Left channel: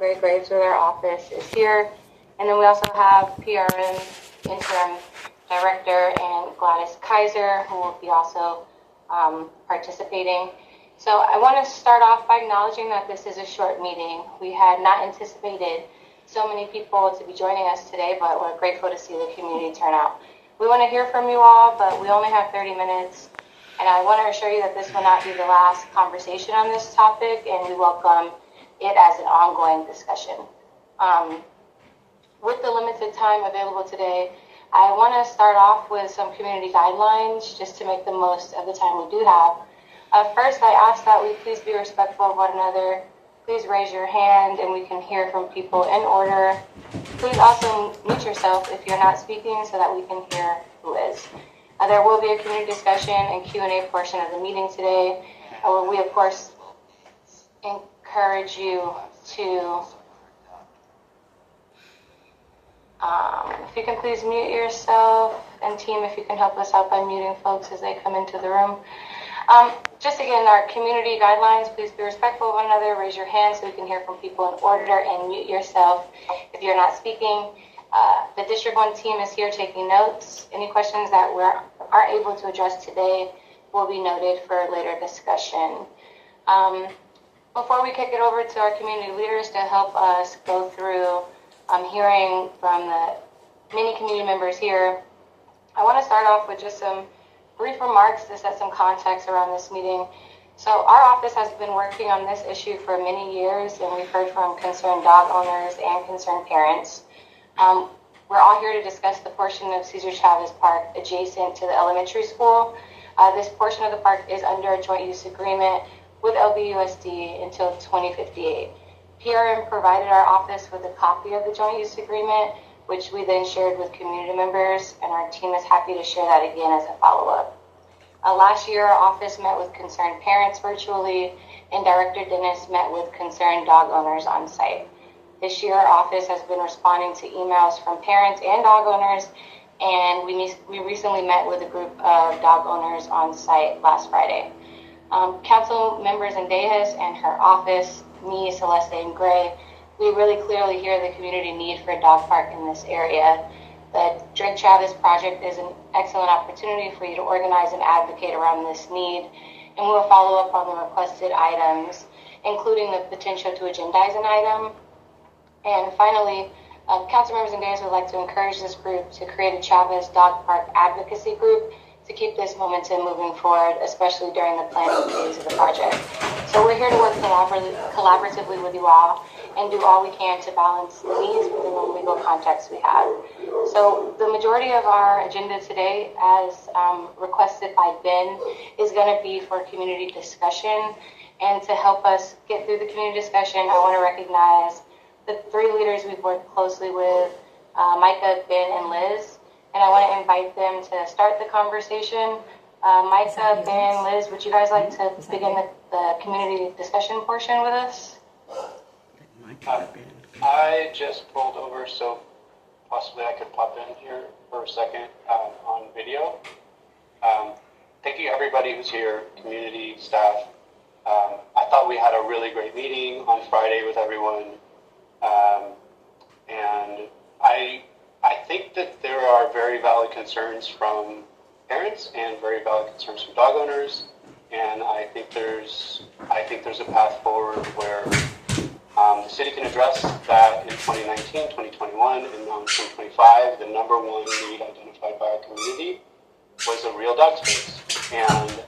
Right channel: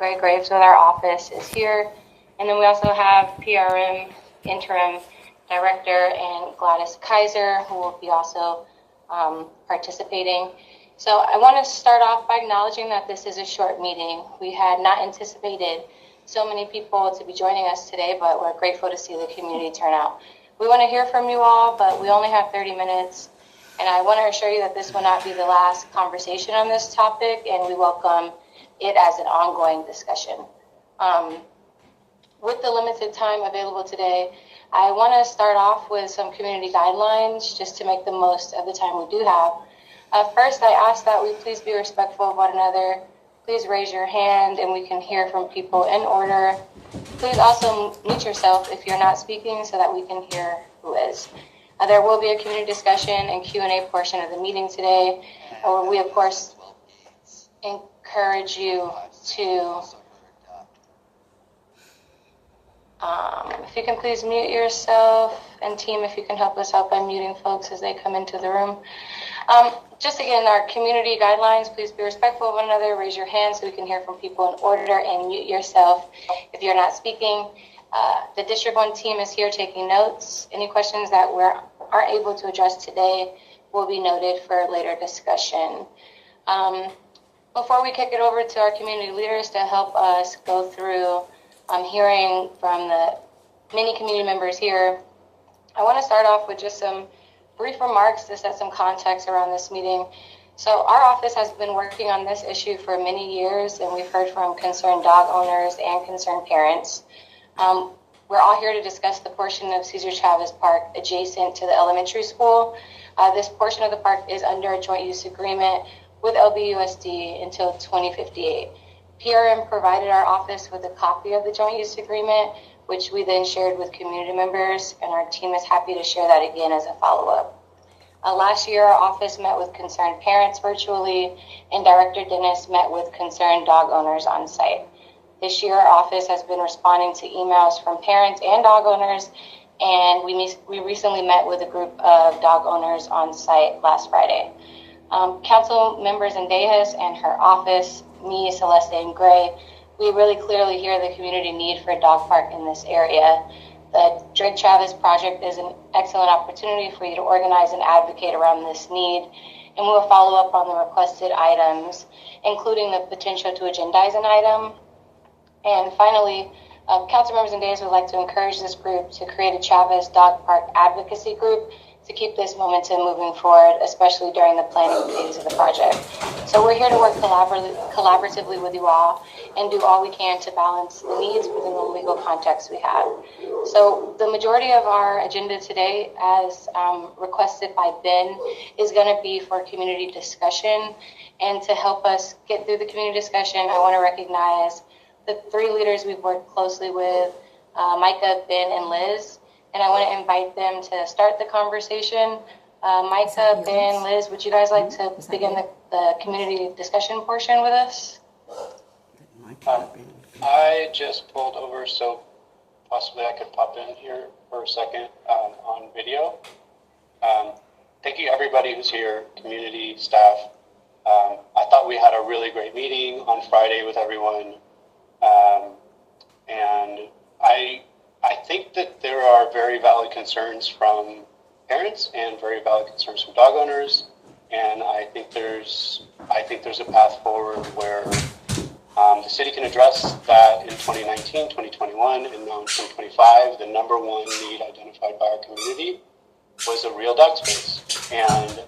Gray Graves with our office is here. And then we also have PRM Interim Director and Gladys Kaiser, who will be also participating. So I want to start off by acknowledging that this is a short meeting. We had not anticipated so many people to be joining us today, but we're grateful to see the community turn out. We want to hear from you all, but we only have 30 minutes. And I want to assure you that this will not be the last conversation on this topic, and we welcome it as an ongoing discussion. With the limited time available today, I want to start off with some community guidelines just to make the most of the time we do have. First, I ask that we please be respectful of one another. Please raise your hand and we can hear from people in order. Please also mute yourself if you're not speaking so that we can hear who is. There will be a community discussion and Q&A portion of the meeting today. We, of course, encourage you to, if you can please mute yourself, and team, if you can help us out by muting folks as they come into the room. Just again, our community guidelines, please be respectful of one another, raise your hand so we can hear from people in order, and mute yourself if you're not speaking. The District 1 team is here taking notes. Any questions that we aren't able to address today will be noted for later discussion. Before we kick it over to our community leaders to help us go through hearing from the many community members here, I want to start off with just some brief remarks to set some context around this meeting. So our office has been working on this issue for many years, and we've heard from concerned dog owners and concerned parents. We're all here to discuss the portion of Cesar Chavez Park adjacent to the elementary school. This portion of the park is under a joint use agreement with LBUSD until 2058. PRM provided our office with a copy of the joint use agreement, which we then shared with community members, and our team is happy to share that again as a follow-up. Last year, our office met with concerned parents virtually, and Director Dennis met with concerned dog owners on site. This year, our office has been responding to emails from parents and dog owners, and we recently met with a group of dog owners on site last Friday. Council members Zendejas and her office, me, Celeste, and Gray, we really clearly hear the community need for a dog park in this area. The Drake Chavez project is an excellent opportunity for you to organize and advocate around this need, and we will follow up on the requested items, including the potential to agendize an item. And finally, council members and Zendejas would like to encourage this group to create a Chavez Dog Park advocacy group to keep this momentum moving forward, especially during the planning phase of the project. So we're here to work collaboratively with you all and do all we can to balance the needs within the legal context we have. So the majority of our agenda today, as requested by Ben, is going to be for community discussion. And to help us get through the community discussion, I want to recognize the three leaders we've worked closely with, Micah, Ben, and Liz. And I want to invite them to start the conversation. Micah, Ben, Liz, would you guys like to begin the community discussion portion with us? I just pulled over, so possibly I could pop in here for a second on video. Thank you everybody who's here, community, staff. I thought we had a really great meeting on Friday with everyone. And I think that there are very valid concerns from parents and very valid concerns from dog owners, and I think there's a path forward where the city can address that in 2019, 2021, and now in 2025. The number one need identified by our community was a real dog space, and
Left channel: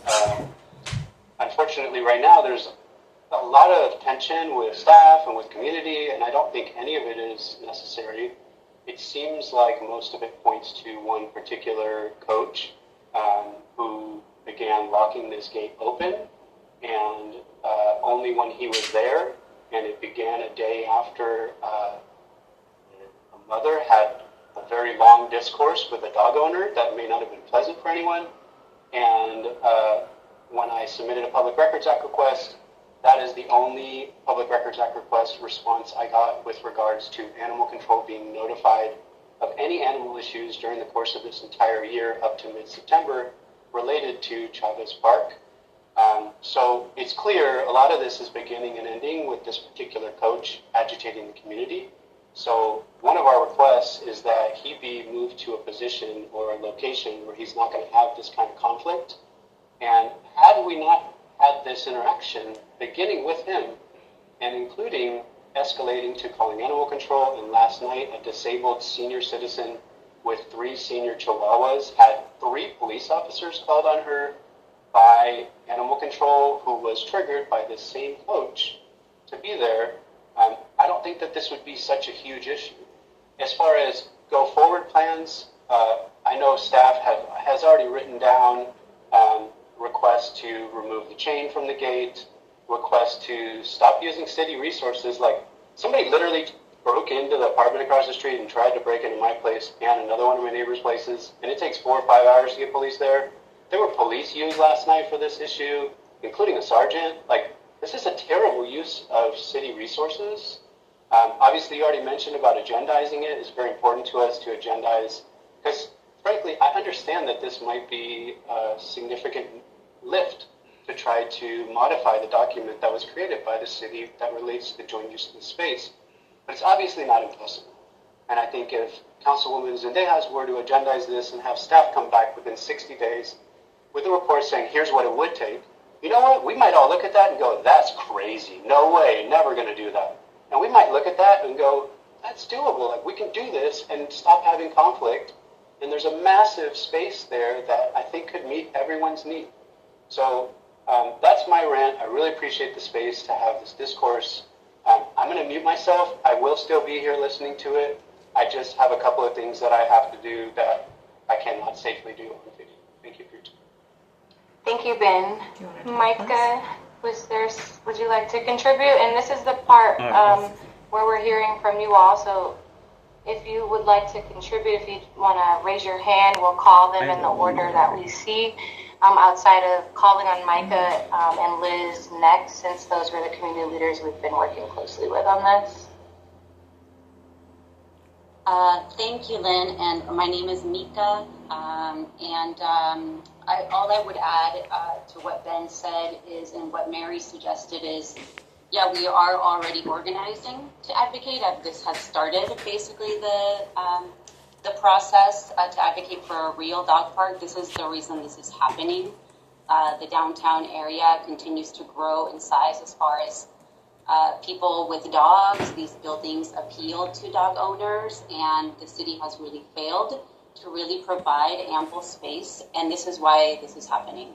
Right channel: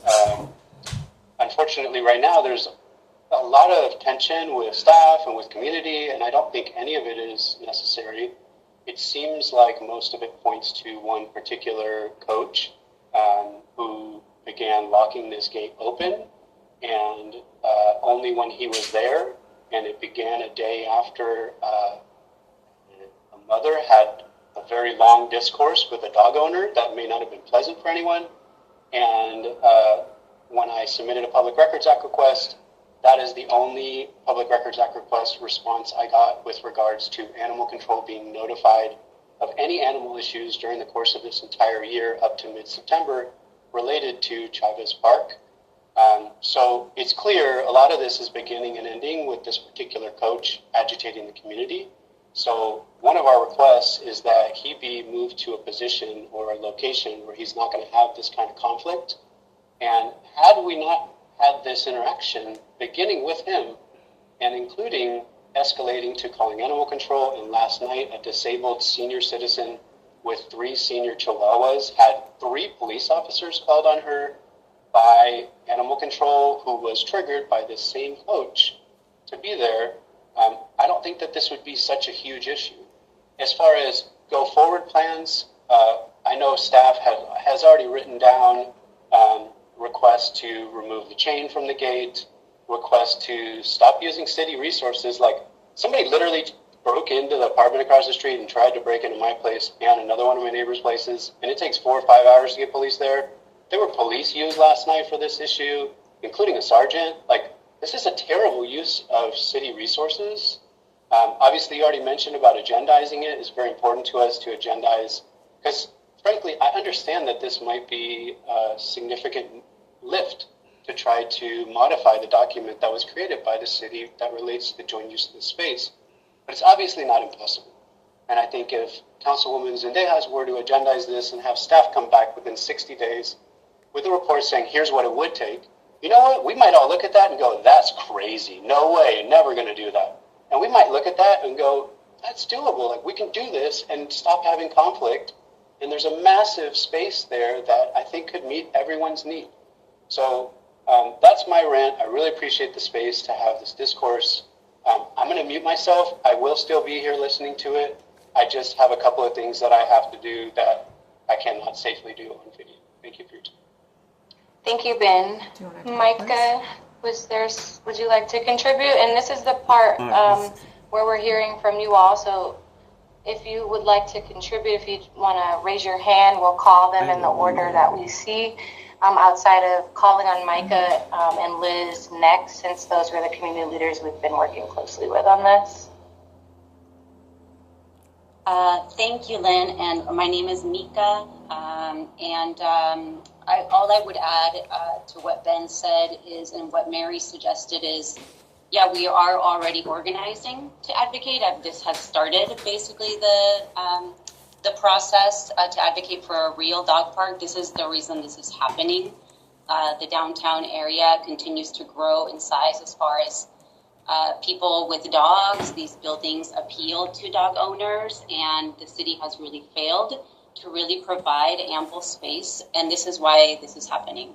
unfortunately, right now there's a lot of tension with staff and with community, and I don't think any of it is necessary. It seems like most of it points to one particular coach who began locking this gate open, and only when he was there, and it began a day after a mother had a very long discourse with a dog owner that may not have been pleasant for anyone, and when I submitted a Public Records Act request, that is the only Public Records Act request response I got with regards to animal control being notified of any animal issues during the course of this entire year up to mid-September related to Chavez Park. So it's clear a lot of this is beginning and ending with this particular coach agitating the community. So one of our requests is that he be moved to a position or a location where he's not going to have this kind of conflict. And had we not had this interaction, beginning with him and including escalating to calling animal control, and last night a disabled senior citizen with 3 senior chihuahuas had 3 police officers called on her by animal control who was triggered by this same coach to be there. I don't think that this would be such a huge issue. As far as go forward plans, I know staff has already written down requests to remove the chain from the gate, requests to stop using city resources. Like somebody literally broke into the apartment across the street and tried to break into my place and another one of my neighbors' places, and it takes 4 or 5 hours to get police there. There were police used last night for this issue, including a sergeant. Like, this is a terrible use of city resources. Obviously, you already mentioned about agendizing it. It's very important to us to agendize, because frankly, I understand that this might be a significant lift to try to modify the document that was created by the city that relates to the joint use of the space. But it's obviously not impossible. And I think if Councilwoman Zendejas were to agendize this and have staff come back within 60 days with a report saying, here's what it would take, you know what? We might all look at that and go, that's crazy. No way, never going to do that. And we might look at that and go, that's doable. Like, we can do this and stop having conflict. And there's a massive space there that I think could meet everyone's need. So that's my rant. I really appreciate the space to have this discourse. I'm going to mute myself. I will still be here listening to it. I just have a couple of things that I have to do that I cannot safely do on video. Thank you for your time. Thank you, Ben. Micah, would you like to contribute? And this is the part where we're hearing from you all. So if you would like to contribute, if you want to raise your hand, we'll call them in the order that we see. Outside of calling on Micah and Liz next, since those were the community leaders we've been working closely with on this. Thank you, Lynn, and my name is Mika, all I would add to what Ben said is, and what Mary suggested is, yeah, we are already organizing to advocate. This has started basically the process to advocate for a real dog park. This is the reason this is happening. The downtown area continues to grow in size as far as people with dogs. These buildings appeal to dog owners, and the city has really failed to really provide ample space, and this is why this is happening.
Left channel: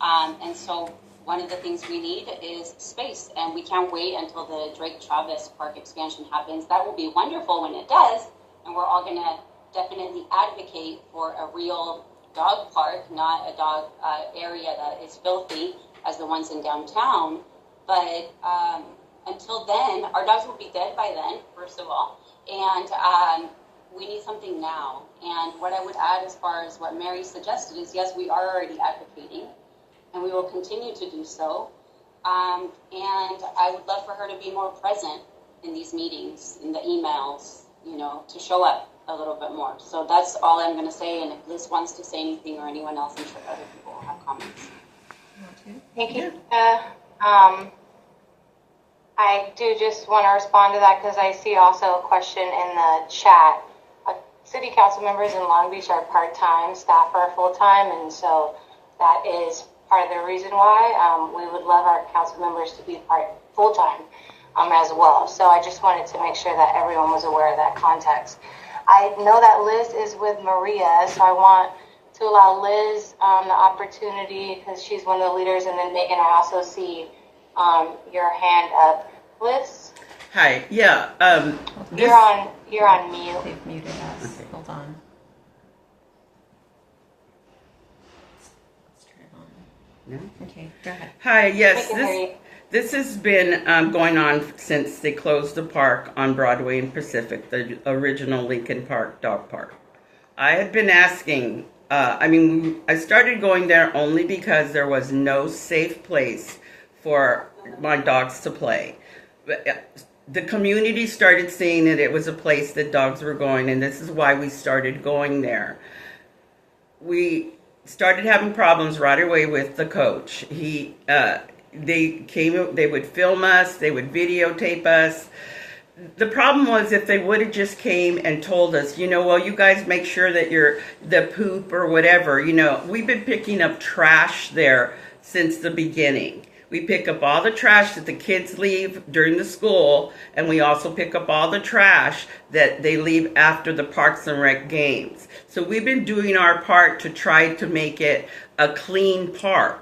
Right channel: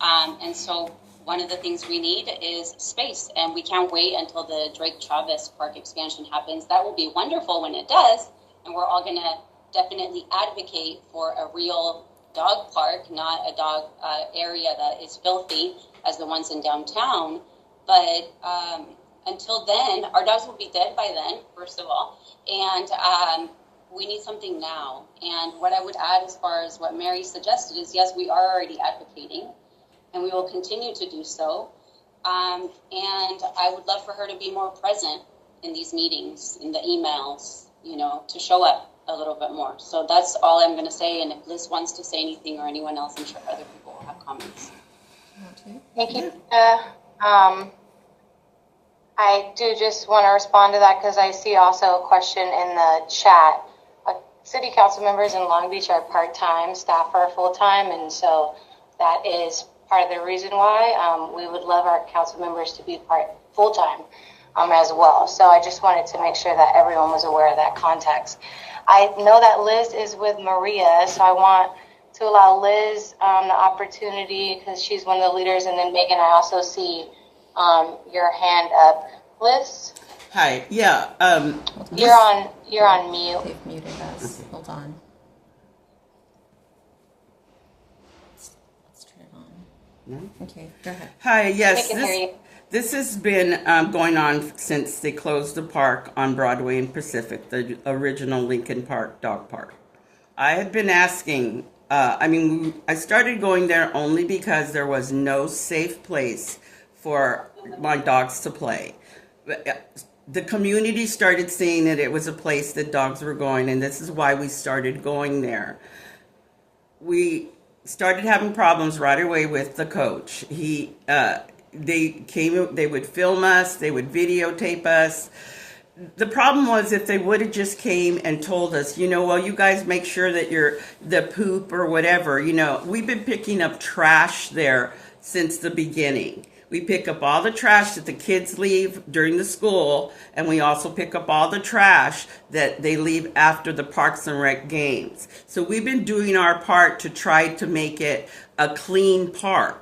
And so one of the things we need is space, and we can't wait until the Drake Travis Park expansion happens. That will be wonderful when it does, and we're all going to definitely advocate for a real dog park, not a dog area that is filthy as the ones in downtown. But until then, our dogs will be dead by then, first of all, and we need something now. And what I would add as far as what Mary suggested is, yes, we are already advocating, and we will continue to do so. And I would love for her to be more present in these meetings, in the emails, to show up a little bit more. So that's all I'm going to say. And if Liz wants to say anything, or anyone else, I'm sure other people will have comments. Thank you. I do just want to respond to that because I see also a question in the chat. City council members in Long Beach are part-time, staff are full-time, and so that is part of the reason why we would love our council members to be full-time as well. So I just wanted to make sure that everyone was aware of that context. I know that Liz is with Maria, so I want to allow Liz the opportunity because she's one of the leaders, and then Megan, I also see your hand up. Liz? Hi. Yeah. You're on mute. They've muted us. Okay. Hold on. Let's turn it on. Yeah. Okay. Go ahead. Hi. Yes. This has been going on since they closed the park on Broadway and Pacific, the original Lincoln Park dog park. I had been asking. I started going there only because there was no safe place for my dogs to play. The community started seeing that it was a place that dogs were going, and this is why we started going there. We started having problems right away with the coach. They would film us, they would videotape us. The problem was if they would have just came and told us, well, you guys make sure that the poop or whatever, we've been picking up trash there since the beginning. We pick up all the trash that the kids leave during the school, and we also pick up all the trash that they leave after the Parks and Rec games. So we've been doing our part to try to make it a clean park.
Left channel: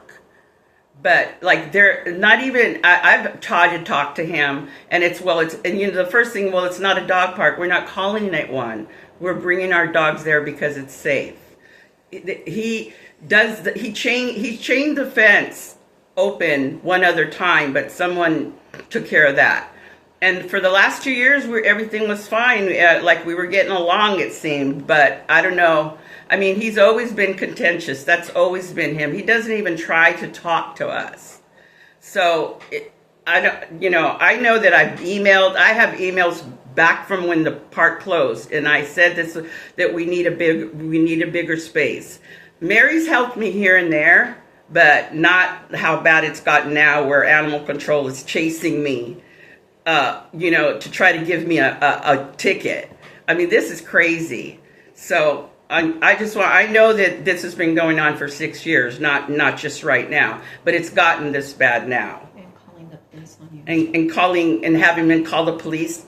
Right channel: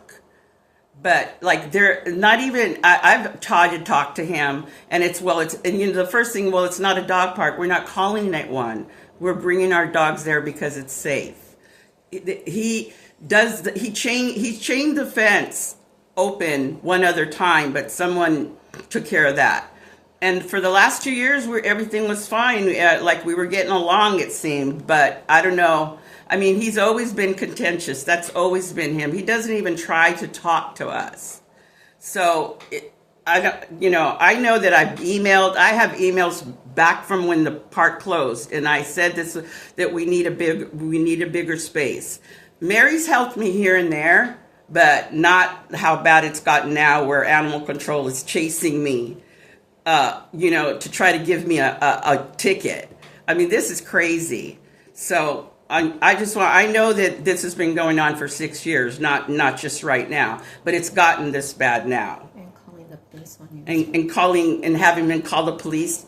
But like they're not even. I've tried to talk to him, and the first thing. Well, it's not a dog park. We're not calling it one. We're bringing our dogs there because it's safe. He chained the fence open one other time, but someone took care of that. And for the last 2 years, everything was fine. Like we were getting along, it seemed. But I don't know. I mean, he's always been contentious. That's always been him. He doesn't even try to talk to us. So I know that I've emailed. I have emails back from when the park closed, and I said that we need a bigger space. Mary's helped me here and there, but not how bad it's gotten now, where animal control is chasing me. To try to give me a ticket. I mean, this is crazy. So I know that this has been going on for 6 years, not just right now, but it's gotten this bad now. And calling the police on you. And having them call the police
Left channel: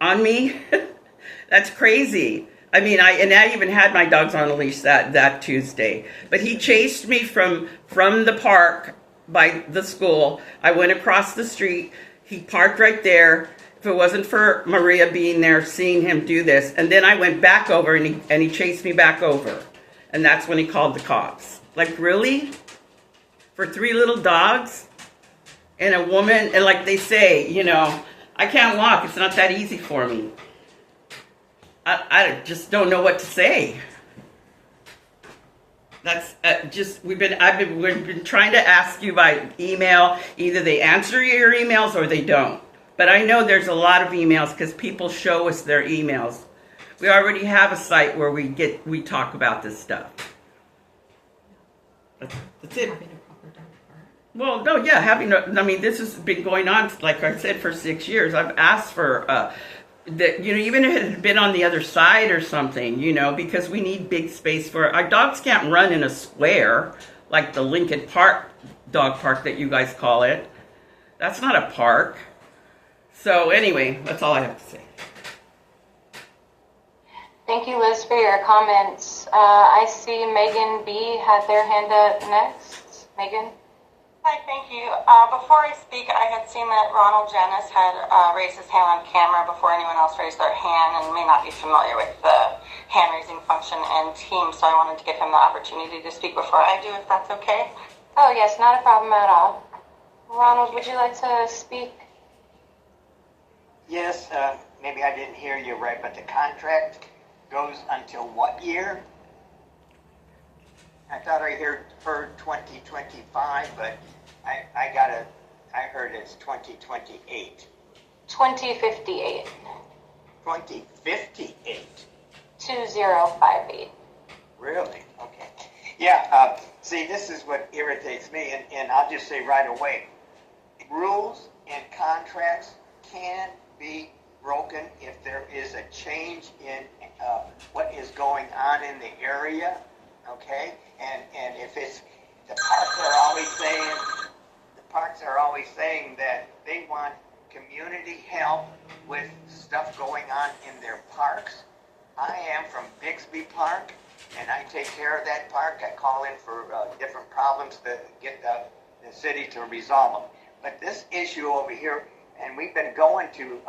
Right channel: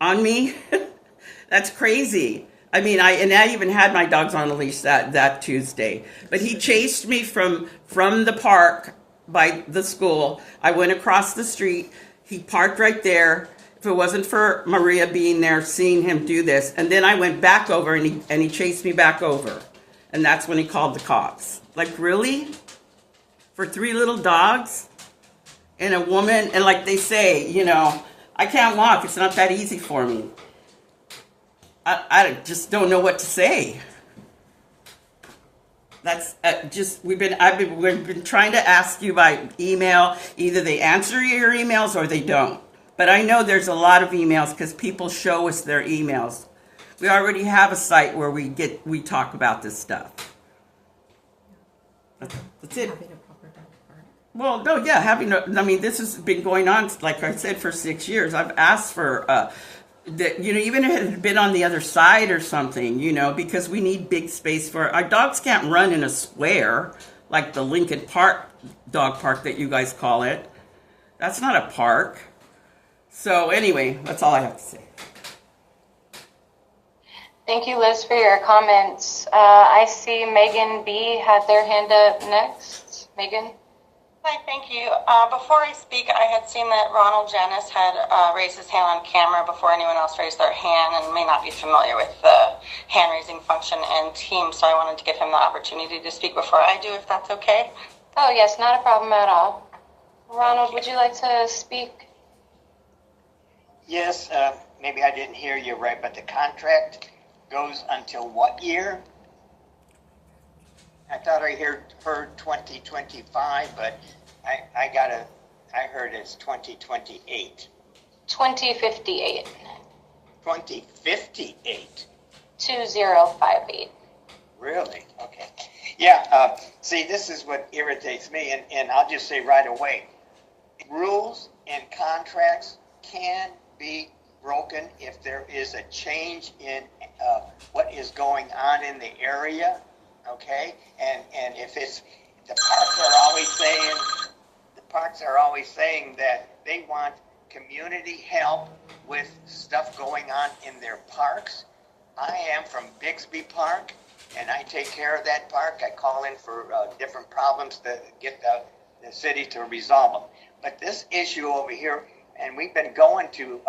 on me. That's crazy. I mean, I even had my dogs on a leash that Tuesday, but he chased me from the park by the school. I went across the street. He parked right there. If it wasn't for Maria being there, seeing him do this, and then I went back over, and he chased me back over, and that's when he called the cops. Like, really? For 3 little dogs and a woman, and like they say, I can't walk. It's not that easy for me. I just don't know what to say. That's we've been trying to ask you by email. Either they answer your emails or they don't. But I know there's a lot of emails because people show us their emails. We already have a site where we talk about this stuff. That's it. Having a proper dog park. Well, no, yeah, this has been going on, like I said, for 6 years. I've asked for that, even if it had been on the other side or something, because we need big space for our dogs. Can't run in a square like the Lincoln Park dog park that you guys call it. That's not a park. So anyway, that's all I have to say. Thank you, Liz, for your comments. I see Megan B had their hand up next. Megan? Hi, thank you. Before I speak, I had seen that Ronald Janis had raised his hand on camera before anyone else raised their hand and may not be familiar with the hand-raising function and team, so I wanted to give him the opportunity to speak before I do, if that's okay. Oh, yes, not a problem at all. Ronald, would you like to speak? Yes, maybe I didn't hear you right, but the contract goes until what year? I thought I heard 2025, but I heard it's 2028. 2058. 2058. 2058. Really? Okay. Yeah, see, this is what irritates me, and I'll just say right away, rules and contracts can be broken if there is a change in what is going on in the area, okay? And if it's, the parks are always saying that they want community help with stuff going on in their parks. I am from Bixby Park, and I take care of that park. I call in for different problems to get the city to resolve them. But this issue over here, and we've been going to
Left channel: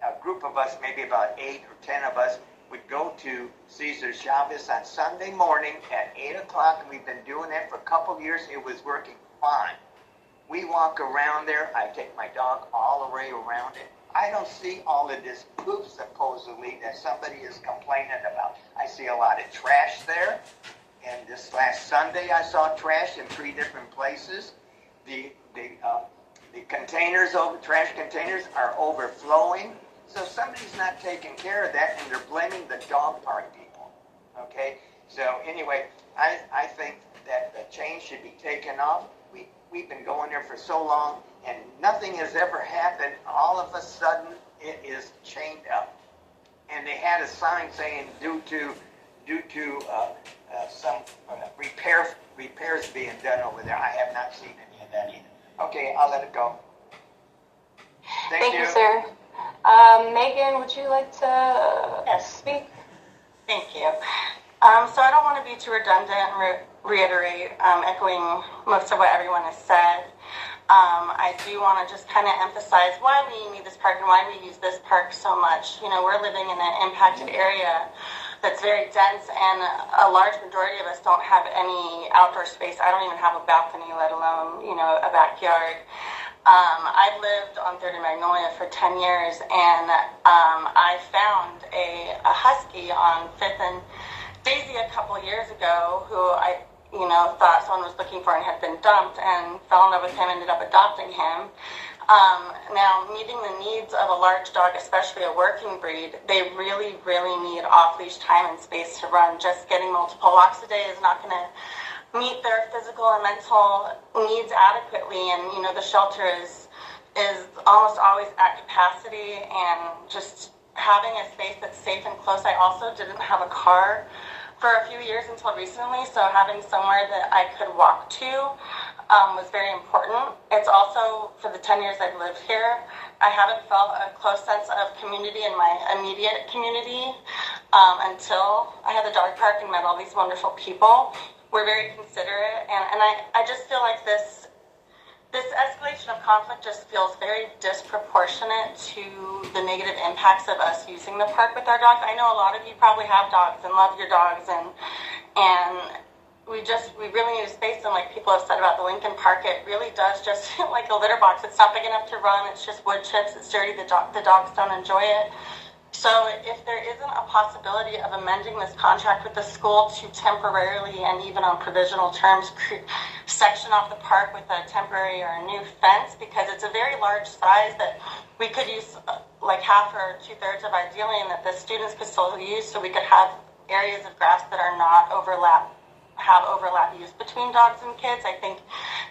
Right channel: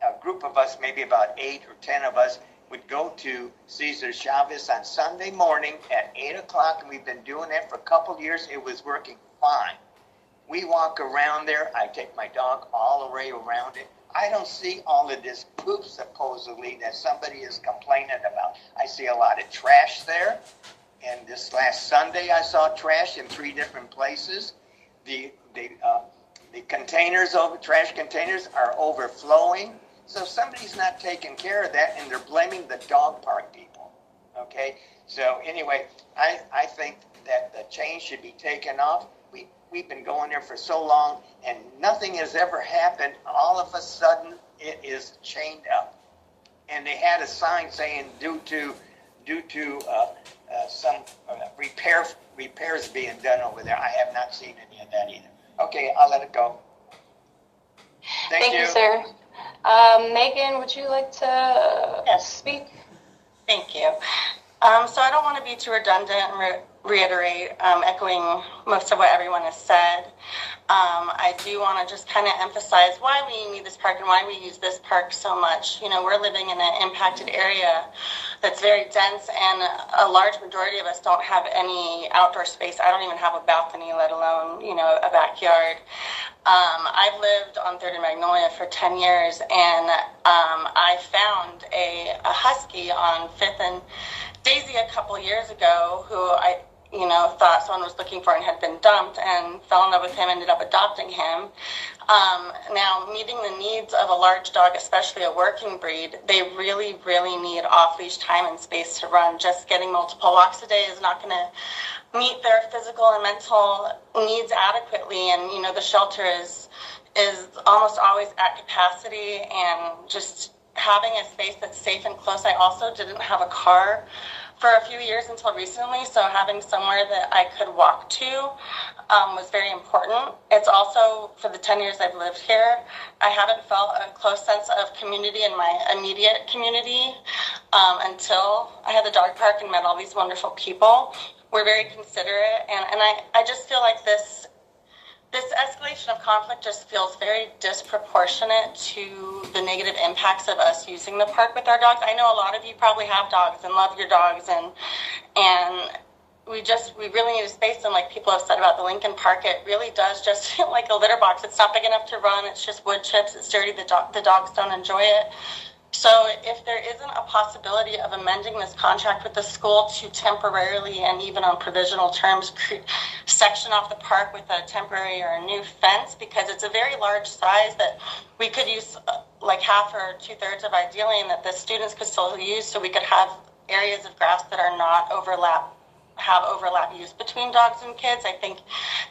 a group of us, maybe about 8 or 10 of us, would go to Cesar Chavez on Sunday morning at 8 o'clock, and we've been doing that for a couple of years. It was working fine. We walk around there. I take my dog all the way around it. I don't see all of this poop, supposedly, that somebody is complaining about. I see a lot of trash there, and this last Sunday I saw trash in 3 different places. The trash containers are overflowing. So somebody's not taking care of that, and they're blaming the dog park people, okay? So anyway, I think that the chain should be taken off. We've been going there for so long, and nothing has ever happened. All of a sudden, it is chained up. And they had a sign saying due to some repairs being done over there. I have not seen any of that either. Okay, I'll let it go. Thank you, sir. Megan, would you like to speak? Thank you. So I don't want to be too redundant and reiterate, echoing most of what everyone has said. I do want to just kind of emphasize why we need this park and why we use this park so much. You know, we're living in an impacted area that's very dense, and a large majority of us don't have any outdoor space. I don't even have a balcony, let alone, you know, a backyard. I've lived on 30 Magnolia for 10 years, and I found a husky on 5th and Daisy a couple years ago who I thought someone was looking for and had been dumped, and fell in love with him, ended up adopting him. Now, meeting the needs of a large dog, especially a working breed, they really, really need off-leash time and space to run. Just getting multiple walks a day is not going to meet their physical and mental needs adequately, and the shelter is almost always at capacity, and just having a space that's safe and close. I also didn't have a car for a few years until recently, so having somewhere that I could walk to was very important. It's also, for the 10 years I've lived here, I haven't felt a close sense of community in my immediate community until I had the dog park and met all these wonderful people. We're very considerate, and I just feel like this escalation of conflict just feels very disproportionate to the negative impacts of us using the park with our dogs. I know a lot of you probably have dogs and love your dogs, and we really need a space. And like people have said about the Lincoln Park, it really does just feel like a litter box. It's not big enough to run. It's just wood chips. It's dirty. The dogs don't enjoy it. So if there isn't a possibility of amending this contract with the school to temporarily and even on provisional terms section off the park with a temporary or a new fence, because it's a very large size that we could use like half or 2/3 of ideally, and that the students could still use, so we could have areas of grass that are not overlap use between dogs and kids. I think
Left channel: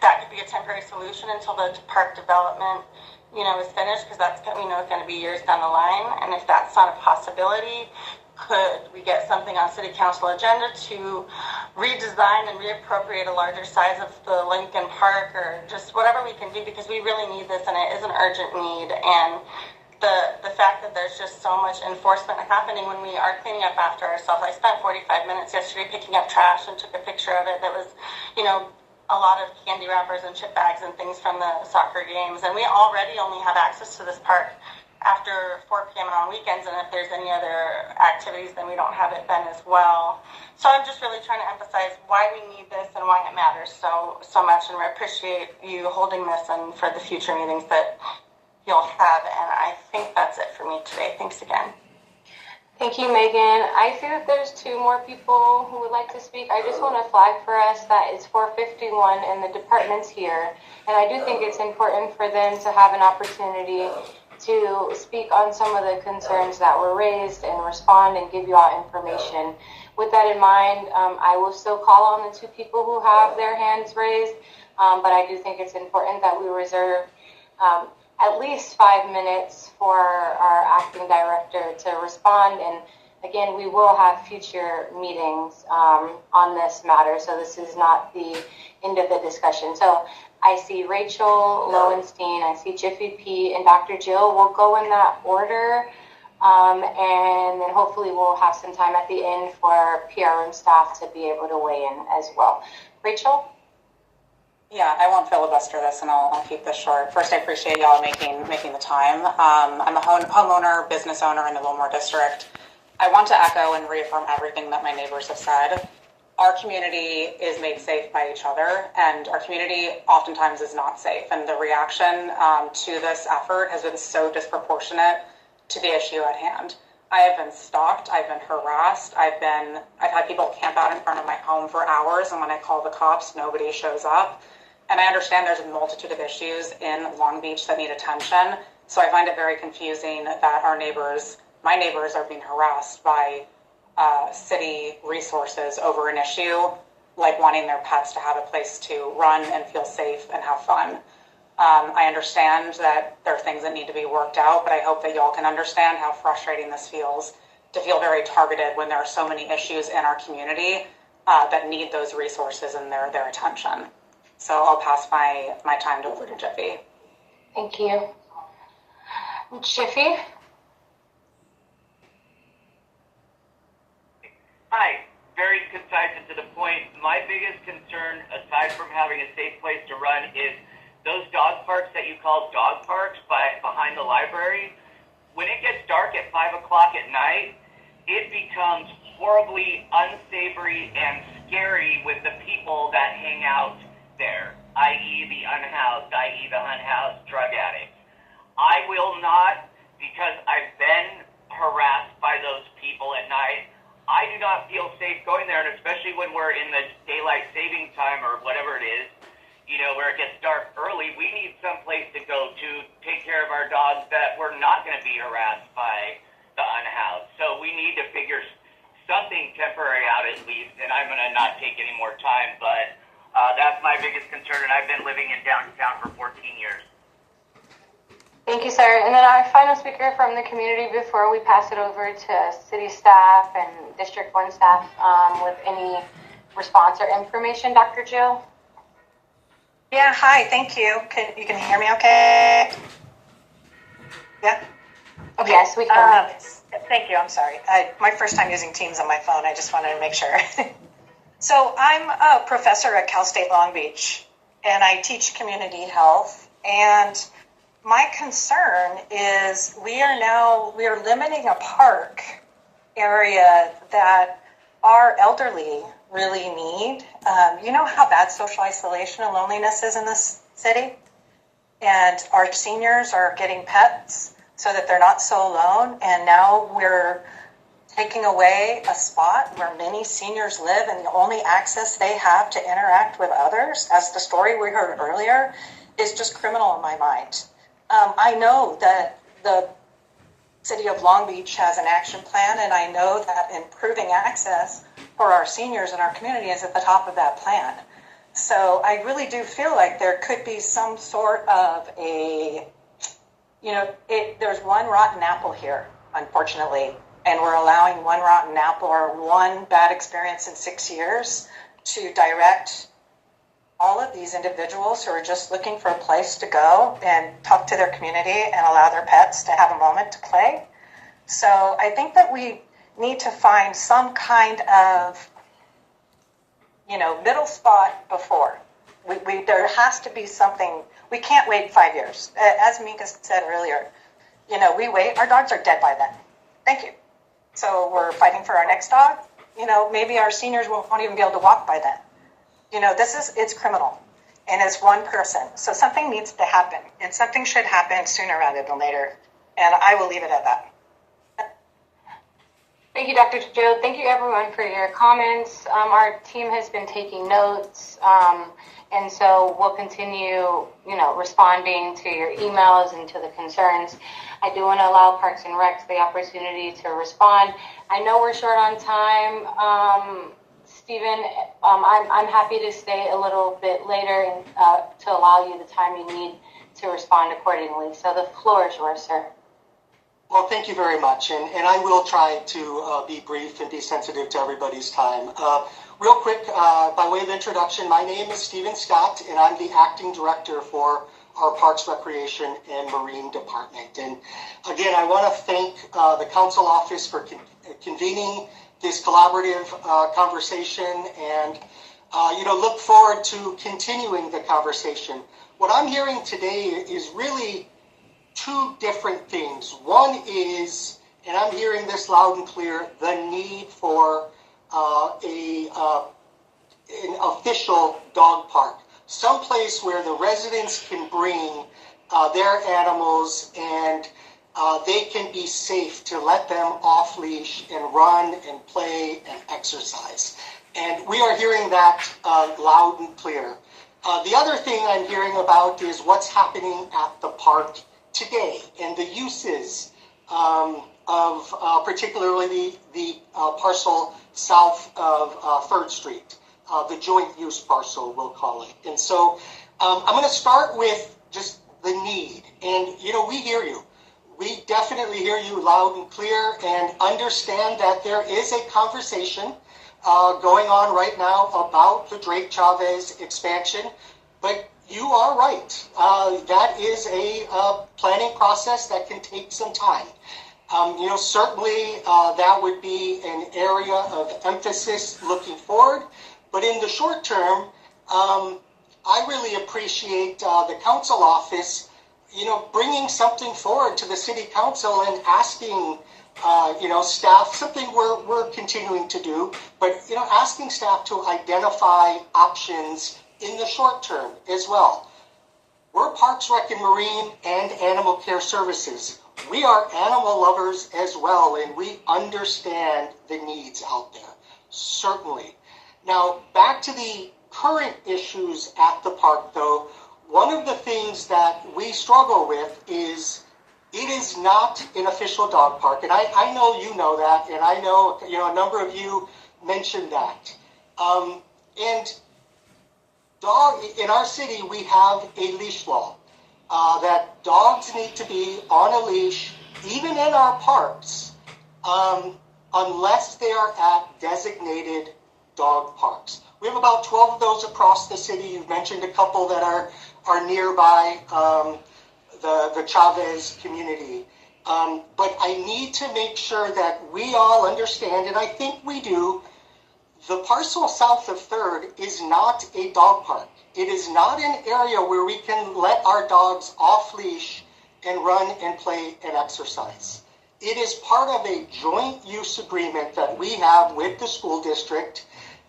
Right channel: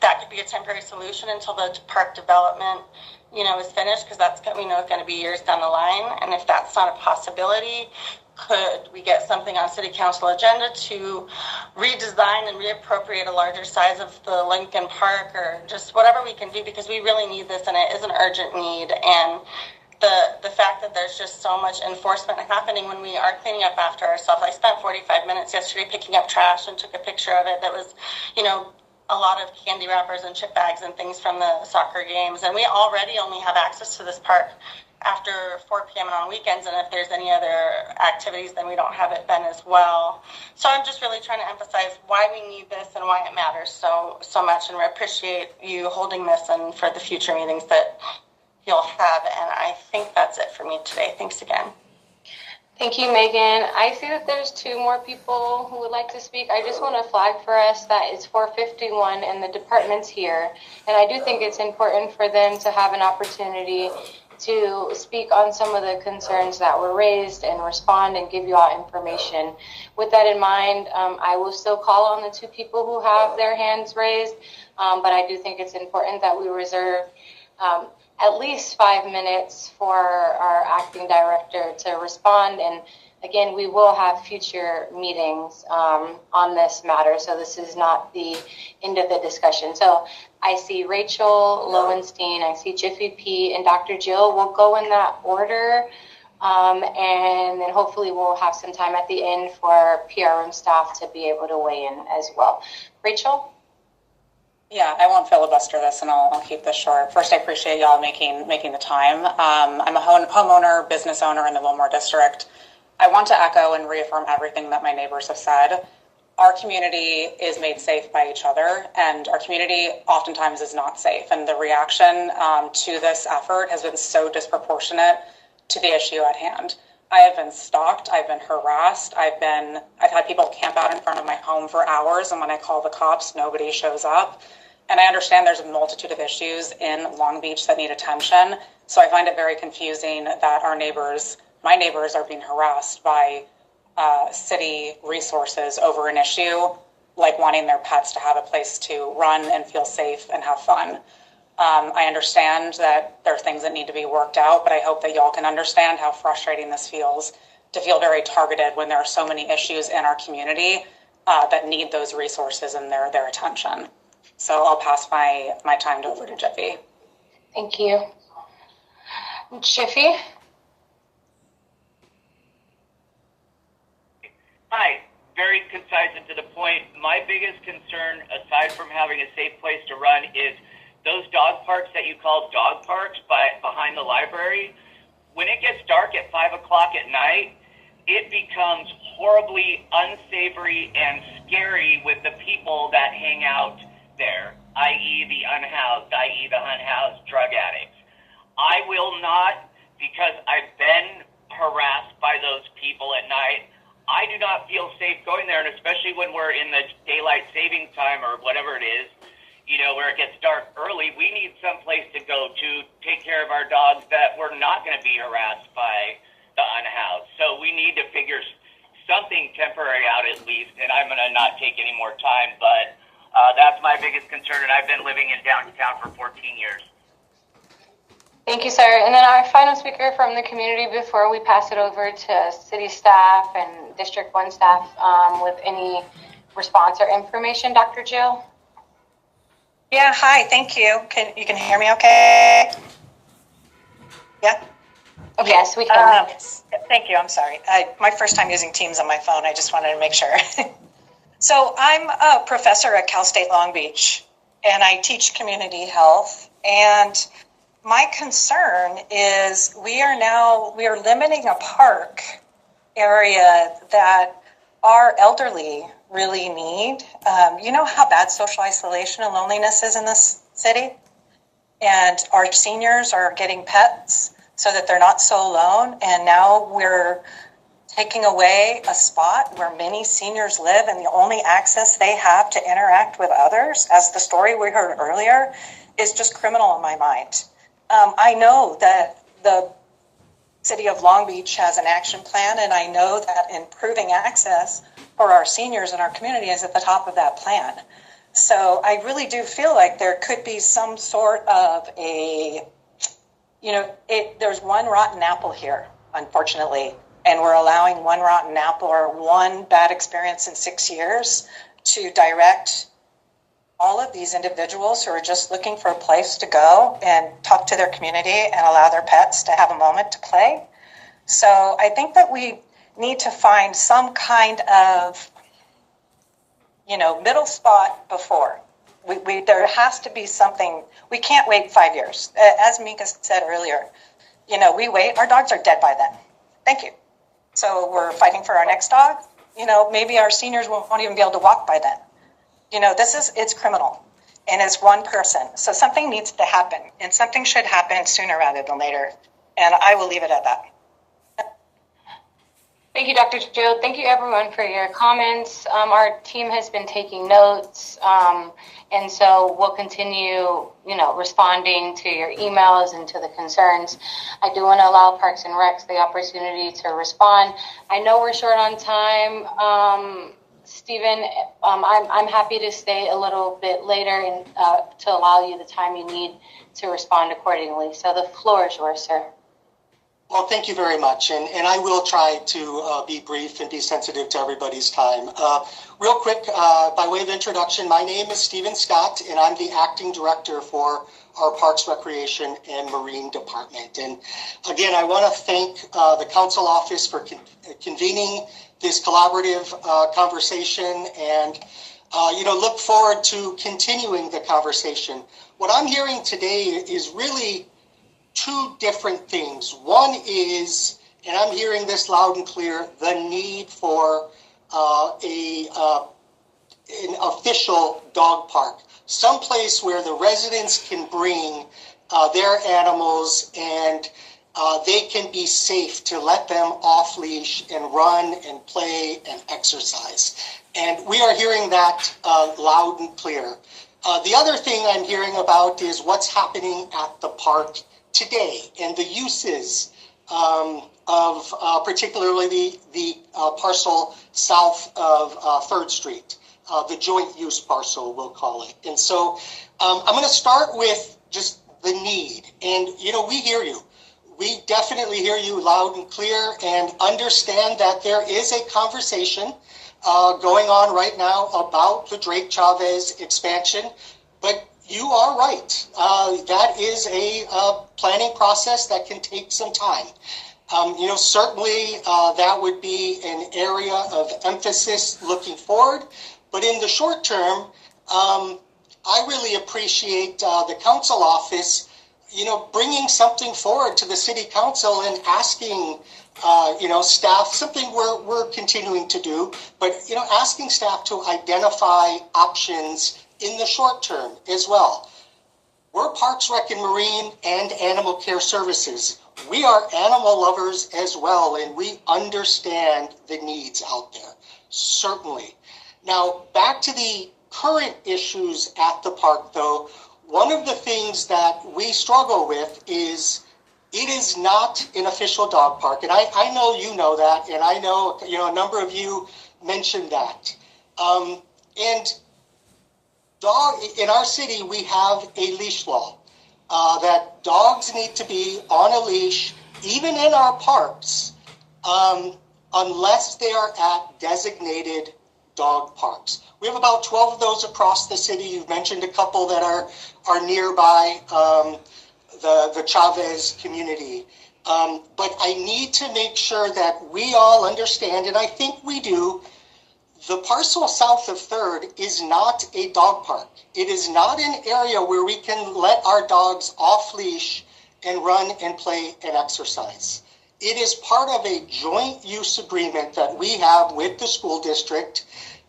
that could be a temporary solution until the park development is finished, because that's going to be years down the line. And if that's not a possibility, could we get something on city council agenda to redesign and reappropriate a larger size of the Lincoln Park, or just whatever we can do, because we really need this, and it is an urgent need. And the fact that there's just so much enforcement happening when we are cleaning up after ourselves. I spent 45 minutes yesterday picking up trash and took a picture of it. That was, a lot of candy wrappers and chip bags and things from the soccer games. And we already only have access to this park after 4 p.m. and on weekends. And if there's any other activities, then we don't have it then as well. So I'm just really trying to emphasize why we need this and why it matters so much. And we appreciate you holding this and for the future meetings that you'll have. And I think that's it for me today. Thanks again. Thank you, Megan. I see that there's 2 more people who would like to speak. I just want to flag for us that it's 4:51 and the department's here. And I do think it's important for them to have an opportunity to speak on some of the concerns that were raised and respond and give you all information. With that in mind, I will still call on the 2 people who have their hands raised, but I do think it's important that we reserve at least 5 minutes for our acting director to respond. And again, we will have future meetings on this matter, so this is not the end of the discussion. So I see Rachel Lowenstein, I see Jiffy P, and Dr. Jill. We'll go in that order, and then hopefully we'll have some time at the end for PR and staff to be able to weigh in as well. Rachel? Yeah, I won't filibuster this, and I'll keep this short. First, I appreciate y'all making the time. I'm a homeowner, business owner in the Wilmore District. I want to echo and reaffirm everything that my neighbors have said. Our community is made safe by each other, and our community oftentimes is not safe. And the reaction to this effort has been so disproportionate to the issue at hand. I have been stalked. I've been harassed. I've had people camp out in front of my home for hours, and when I call the cops, nobody shows up. And I understand there's a multitude of issues in Long Beach that need attention. So I find it very confusing that my neighbors are being harassed by city resources over an issue like wanting their pets to have a place to run and feel safe and have fun. I understand that there are things that need to be worked out, but I hope that y'all can understand how frustrating this feels to feel very targeted when there are so many issues in our community that need those resources and their attention. So I'll pass my time over to Jiffy. Thank you. Jiffy? Hi, very concise and to the point. My biggest concern, aside from having a safe place to run, is those dog parks that you call dog parks behind the library. When it gets dark at 5 o'clock at night, it becomes horribly unsavory and scary with the people that hang out there, i.e. the unhoused, i.e. the unhoused drug addicts. I will not, because I've been harassed by those people at night. I do not feel safe going there, and especially when we're in the daylight saving time or whatever it is, where it gets dark early, we need some place to go to take care of our dogs that we're not going to be harassed by the unhoused. So we need to figure something temporary out at least, and I'm going to not take any more time, but that's my biggest concern, and I've been living in downtown for 14 years. Thank you, sir. And then our final speaker from the community before we pass it over to city staff and District 1 staff with any response or information, Dr. Jill. Yeah, hi, thank you. You can hear me okay? Yeah? Okay. Yes, we can. Thank you, I'm sorry. My first time using Teams on my phone, I just wanted to make sure. So I'm a professor at Cal State Long Beach, and I teach community health, and my concern is we are limiting a park area that our elderly really need. You know how bad social isolation and loneliness is in this city? And our seniors are getting pets so that they're not so alone. And now we're taking away a spot where many seniors live, and the only access they have to interact with others, as the story we heard earlier, is just criminal in my mind. I know that the City of Long Beach has an action plan, and I know that improving access for our seniors in our community is at the top of that plan. So I really do feel like there could be some sort of there's one rotten apple here, unfortunately, and we're allowing one rotten apple or one bad experience in 6 years to direct all of these individuals who are just looking for a place to go and talk to their community and allow their pets to have a moment to play. So I think that we need to find some kind of, middle spot before. There has to be something. We can't wait 5 years. As Mika said earlier, we wait, our dogs are dead by then. Thank you. So we're fighting for our next dog. Maybe our seniors won't even be able to walk by then. It's criminal, and it's one person. So something needs to happen, and something should happen sooner rather than later. And I will leave it at that. Thank you, Dr. Jill. Thank you, everyone, for your comments. Our team has been taking notes, and so we'll continue, responding to your emails and to the concerns. I do want to allow Parks and Recs the opportunity to respond. I know we're short on time. Stephen, I'm happy to stay a little bit later and to allow you the time you need to respond accordingly. So the floor is yours, sir. Well, thank you very much, and I will try to be brief and be sensitive to everybody's time. Real quick, by way of introduction, my name is Stephen Scott, and I'm the acting director for our Parks, Recreation, and Marine Department. And again, I want to thank the Council Office for convening this collaborative conversation, and look forward to continuing the conversation. What I'm hearing today is really two different things. One is, and I'm hearing this loud and clear, the need for an official dog park, someplace where the residents can bring their animals and they can be safe to let them off leash and run and play and exercise. And we are hearing that loud and clear. The other thing I'm hearing about is what's happening at the park today and the uses of particularly the parcel south of 3rd Street, the joint use parcel, we'll call it. And so I'm going to start with just the need. And, we hear you. We definitely hear you loud and clear and understand that there is a conversation going on right now about the Drake Chavez expansion. But you are right. That is a planning process that can take some time. Certainly that would be an area of emphasis looking forward. But in the short term, I really appreciate the council office, bringing something forward to the city council and asking, staff, something we're continuing to do, but, asking staff to identify options in the short term as well. We're Parks, Rec, and Marine and Animal Care Services. We are animal lovers as well, and we understand the needs out there, certainly. Now, back to the current issues at the park, though, one of the things that we struggle with is it is not an official dog park. And I know you know that, and I know, a number of you mentioned that. In our city, we have a leash law that dogs need to be on a leash, even in our parks, unless they are at designated dog parks. We have about 12 of those across the city. You've mentioned a couple that are nearby the Chavez community. But I need to make sure that we all understand, and I think we do, the parcel south of 3rd is not a dog park. It is not an area where we can let our dogs off leash and run and play and exercise. It is part of a joint use agreement that we have with the school district,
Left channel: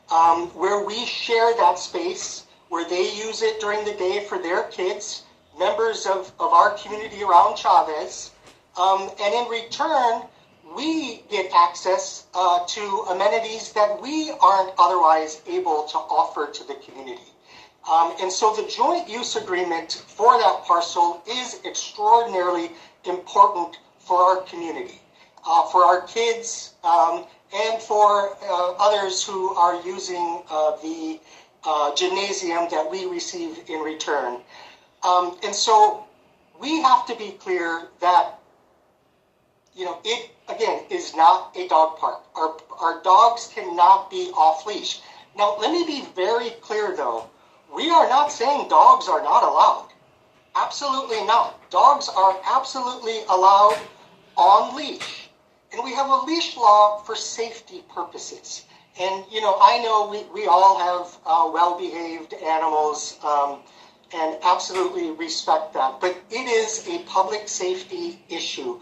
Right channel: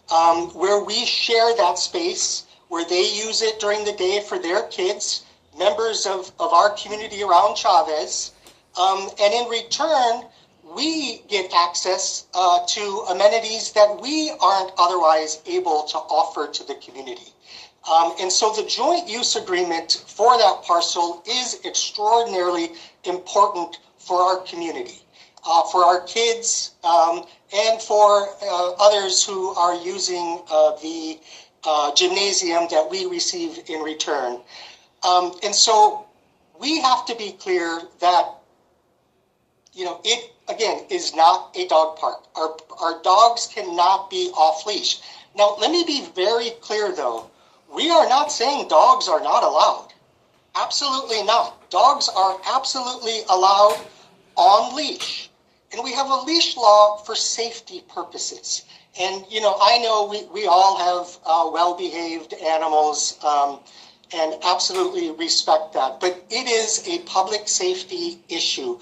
where we share that space, where they use it during the day for their kids, members of our community around Chavez. And in return, we get access to amenities that we aren't otherwise able to offer to the community. And so the joint use agreement for that parcel is extraordinarily important for our community, for our kids, and for others who are using the gymnasium that we receive in return. And so we have to be clear that, it, again, is not a dog park. Our dogs cannot be off leash. Now, let me be very clear, though. We are not saying dogs are not allowed. Absolutely not. Dogs are absolutely allowed on leash. And we have a leash law for safety purposes. And, I know we all have well-behaved animals and absolutely respect that. But it is a public safety issue.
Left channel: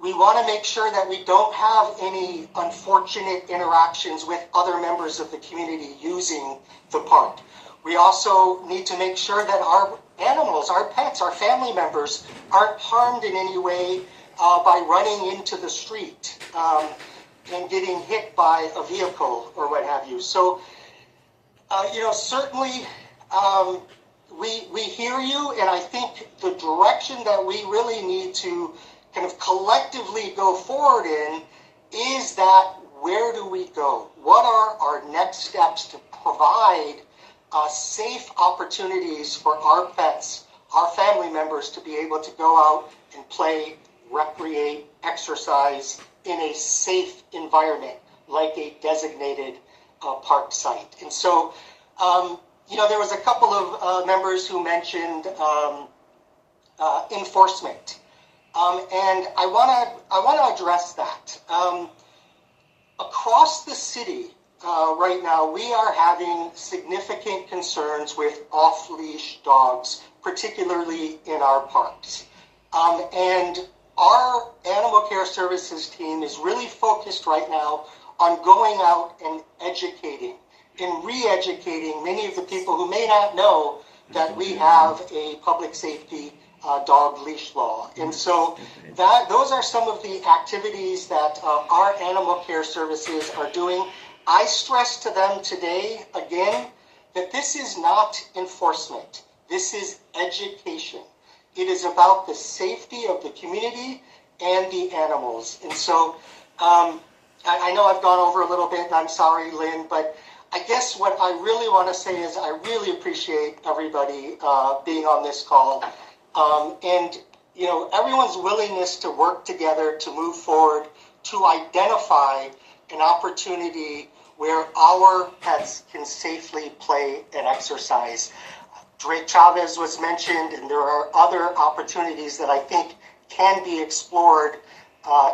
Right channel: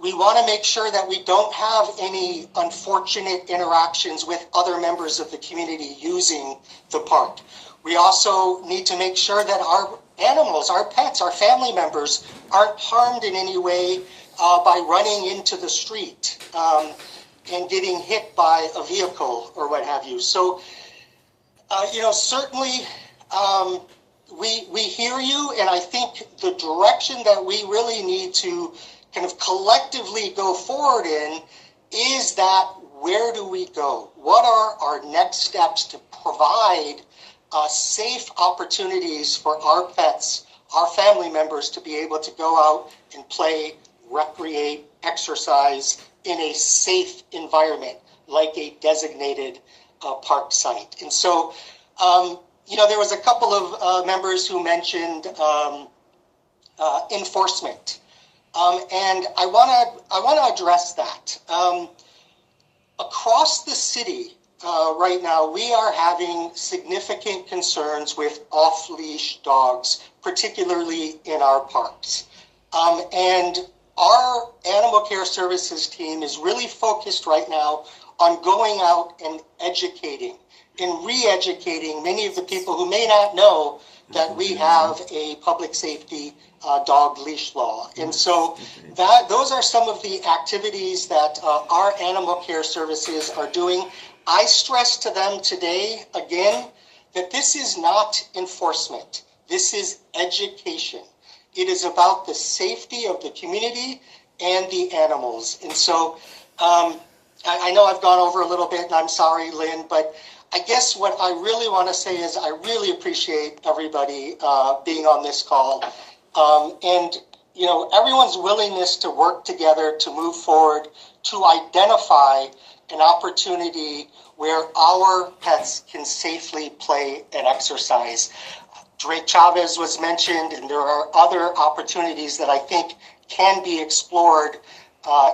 We want to make sure that we don't have any unfortunate interactions with other members of the community using the park. We also need to make sure that our animals, our pets, our family members aren't harmed in any way by running into the street and getting hit by a vehicle or what have you. So, certainly we hear you, and I think the direction that we really need to kind of collectively go forward in is that where do we go? What are our next steps to provide safe opportunities for our pets, our family members to be able to go out and play, recreate, exercise in a safe environment like a designated park site? And so, there was a couple of members who mentioned enforcement. And I want to address that. Across the city right now, we are having significant concerns with off-leash dogs, particularly in our parks. And our animal care services team is really focused right now on going out and educating and re-educating many of the people who may not know that we have a public safety dog leash law. And so those are some of the activities that our animal care services are doing. I stress to them today, again, that this is not enforcement. This is education. It is about the safety of the community and the animals. And so I know I've gone over a little bit, and I'm sorry, Lynn, but I guess what I really want to say is I really appreciate everybody being on this call. And, you know, everyone's willingness to work together to move forward, to identify an opportunity where our pets can safely play and exercise. Drake Chavez was mentioned, and there are other opportunities that I think can be explored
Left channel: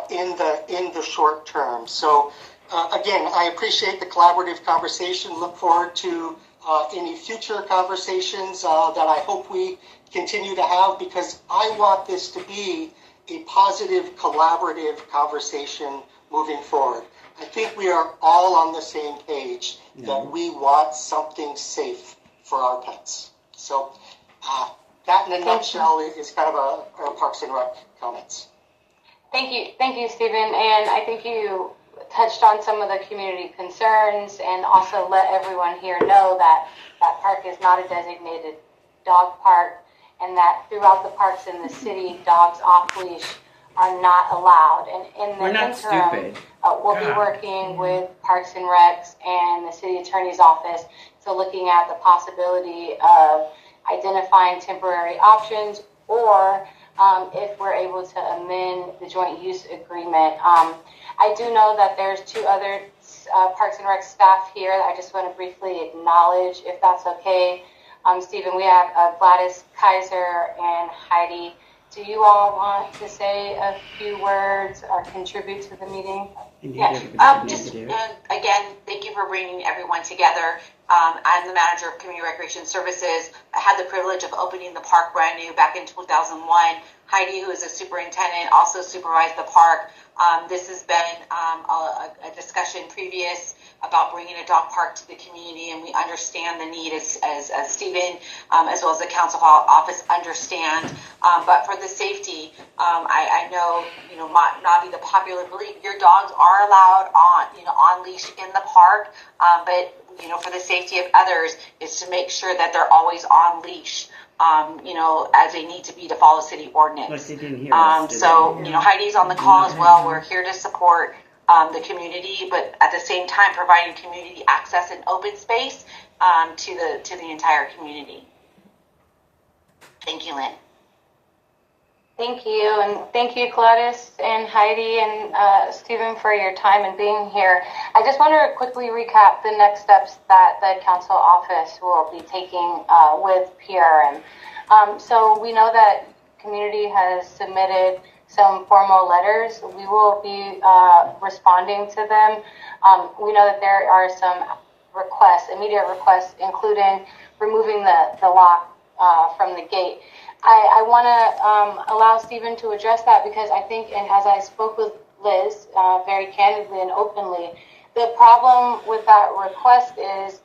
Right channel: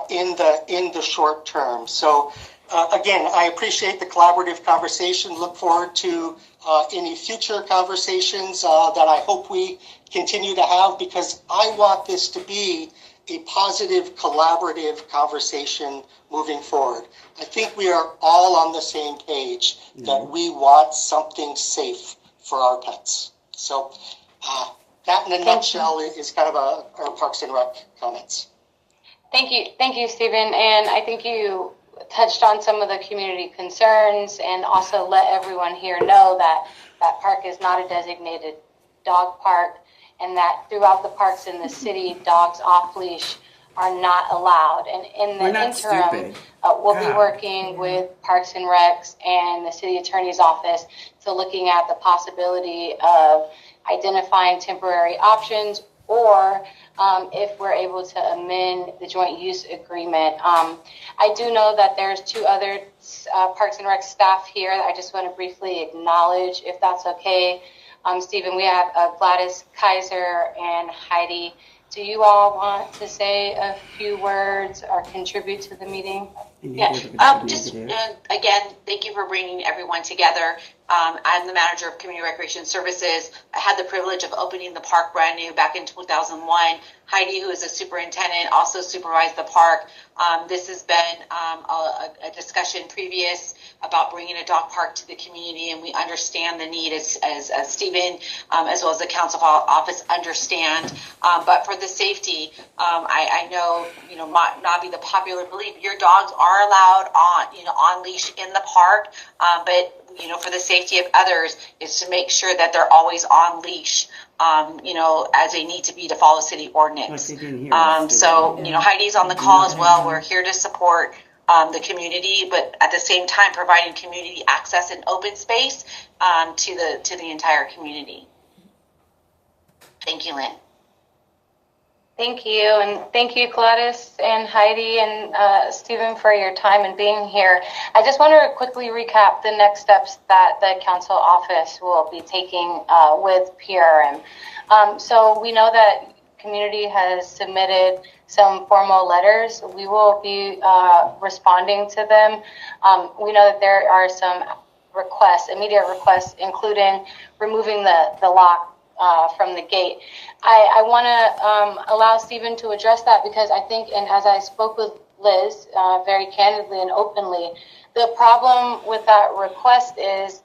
in the short term. So again, I appreciate the collaborative conversation. Look forward to any future conversations that I hope we continue to have, because I want this to be a positive, collaborative conversation moving forward. I think we are all on the same page that we want something safe for our pets. So that in a nutshell is kind of a Parks and Rec comments. Thank you, Stephen. And I think you touched on some of the community concerns, and also let everyone here know that that park is not a designated dog park, and that throughout the parks in the city, dogs off leash are not allowed. And in the interim, we'll be working with Parks and Recs and the city attorney's office to looking at the possibility of identifying temporary options, or if we're able to amend the joint use agreement. I do know that there's two other Parks and Rec staff here that I just want to briefly acknowledge, if that's okay. Stephen, we have Gladys Kaiser and Heidi. Do you all want to say a few words or contribute to the meeting? Again, thank you for bringing everyone together. I'm the manager of Community Recreation Services. I had the privilege of opening the park brand new back in 2001. Heidi, who is a superintendent, also supervised the park. This has been a discussion previous about bringing a dog park to the community, and we understand the need as Stephen, as well as the council office understand. But for the safety, I know, not be the popular belief, your dogs are allowed on leash in the park, but for the safety of others is to make sure that they're always on leash, as they need to be to follow city ordinance. Heidi's on the call as well. We're here to support the community, but at the same time providing community access and open space to the entire community. Thank you, Lynn. Thank you, and thank you, Gladys and Heidi and Stephen, for your time and being here. I just want to quickly recap the next steps that the council office will be taking with PRM. So we know that community has submitted some formal letters. We will be responding to them. We know that there are some immediate requests, including removing the lock from the gate. I want to allow Stephen to address that, because I think, and as I spoke with Liz very candidly and openly, the problem with that request is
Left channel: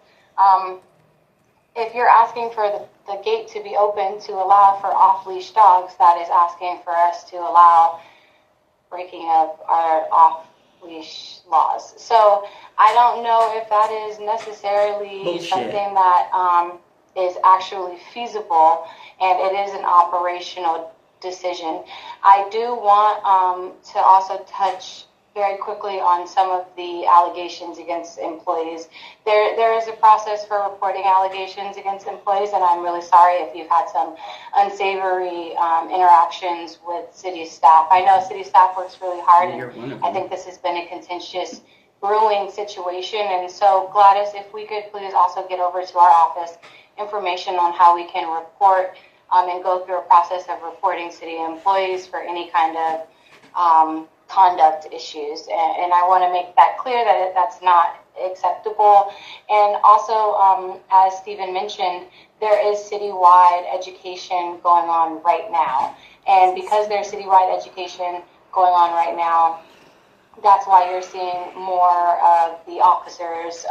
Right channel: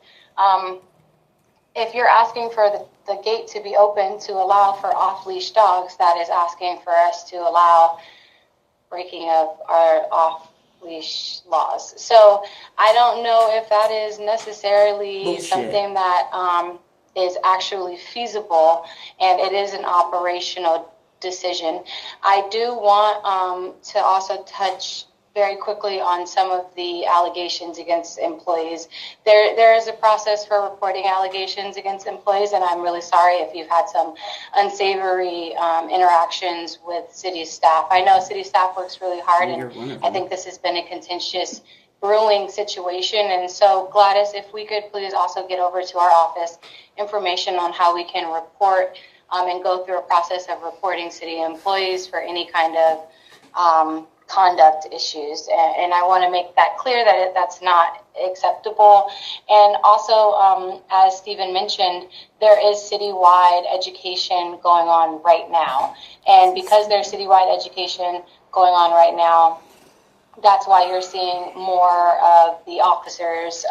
if you're asking for the gate to be open to allow for off-leash dogs, that is asking for us to allow breaking of our off-leash laws. So I don't know if that is necessarily something that is actually feasible, and it is an operational decision. I do want to also touch very quickly on some of the allegations against employees. There is a process for reporting allegations against employees, and I'm really sorry if you've had some unsavory interactions with city staff. I know city staff works really hard, and I think this has been a contentious, grueling situation. And so, Gladys, if we could please also get over to our office information on how we can report and go through a process of reporting city employees for any kind of conduct issues. And I want to make that clear that that's not acceptable. And also, as Stephen mentioned, there is citywide education going on right now. And because there's citywide education going on right now, that's why you're seeing more of the officers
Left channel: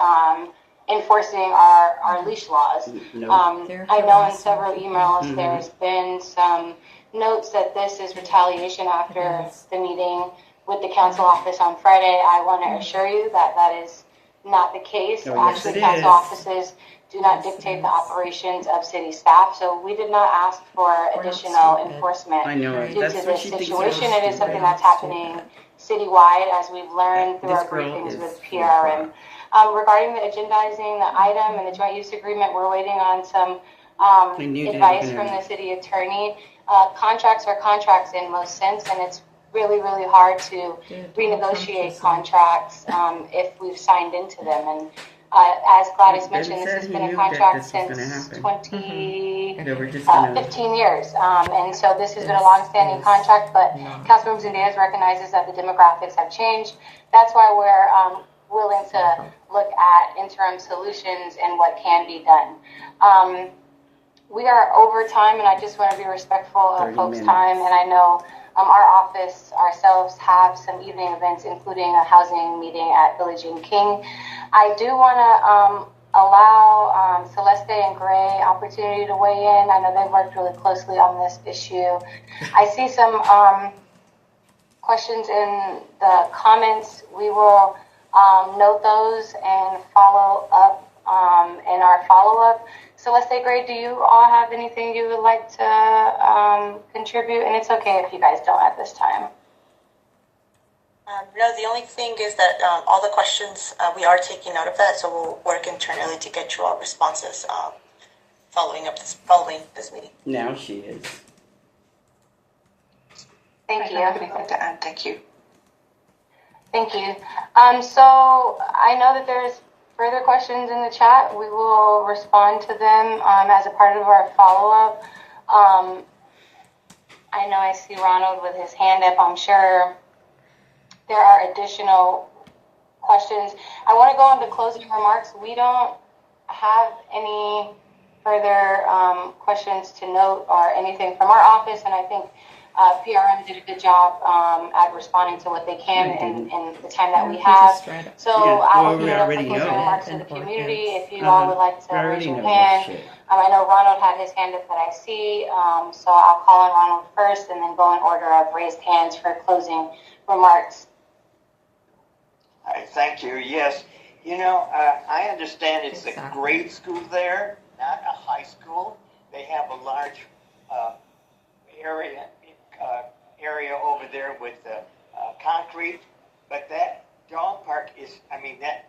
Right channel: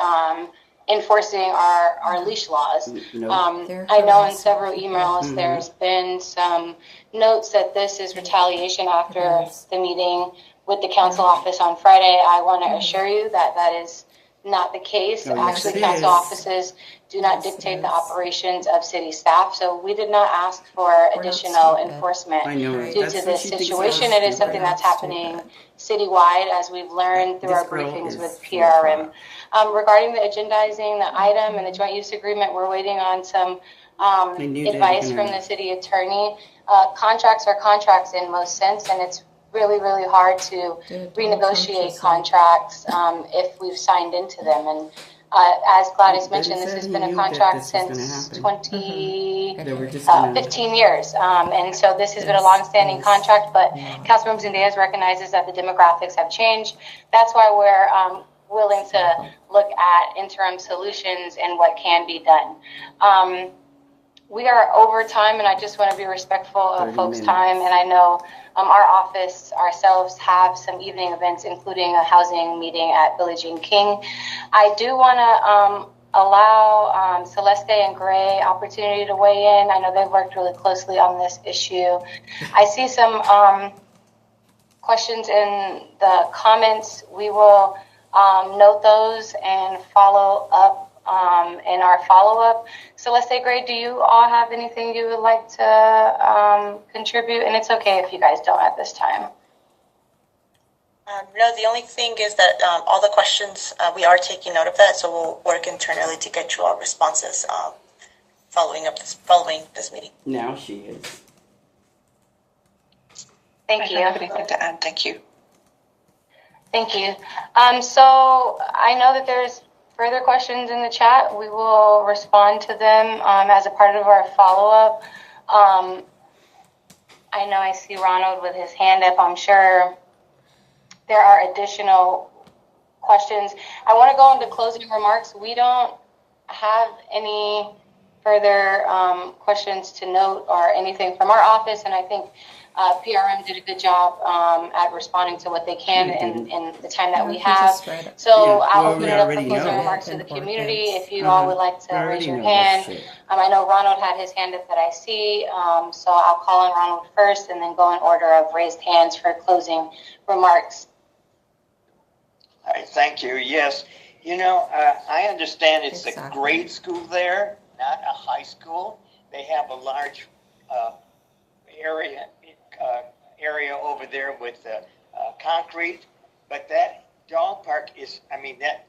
enforcing our leash laws. I know in several emails there's been some notes that this is retaliation after the meeting with the council office on Friday. I want to assure you that that is not the case. Actually, council offices do not dictate the operations of city staff. So we did not ask for additional enforcement due to this situation. It is something that's happening citywide, as we've learned through our briefings with PRM. Regarding the agendizing the item and the joint use agreement, we're waiting on some advice from the city attorney. Contracts are contracts in most sense, and it's really, really hard to renegotiate contracts if we've signed into them. And as Gladys mentioned, this has been a contract since 15 years. And so this has been a long-standing contract, but Councilmember Zendejas recognizes that the demographics have changed. That's why we're willing to look at interim solutions and what can be done. We are over time, and I just want to be respectful of folks' time. And I know our office ourselves have some evening events, including a housing meeting at Village and King. I do want to allow Celeste and Gray opportunity to weigh in. I know they've worked really closely on this issue. I see some questions in the comments. We will note those and follow up in our follow-up. Celeste, Gray, do you all have anything you would like to contribute? And it's okay if you guys don't at this time. No, the only thing is that all the questions, we are taking note of that, so we'll work internally to get you all responses following this meeting. Now she is. Thank you. I don't have anything to add. Thank you. Thank you. So I know that there's further questions in the chat. We will respond to them as a part of our follow-up. I know I see Ronald with his hand up. I'm sure there are additional questions. I want to go on to closing remarks. We don't have any further questions to note or anything from our office, and I think PRM did a good job at responding to what they can in the time that we have. So I'll open it up for closing remarks to the community. If you all would like to raise your hand. I know Ronald had his hand up that I see, so I'll call on Ronald first and then go in order of raised hands for closing remarks. All right, thank you. Yes, I understand it's a grade school there, not a high school. They have a large area over there with concrete, but that dog park is, that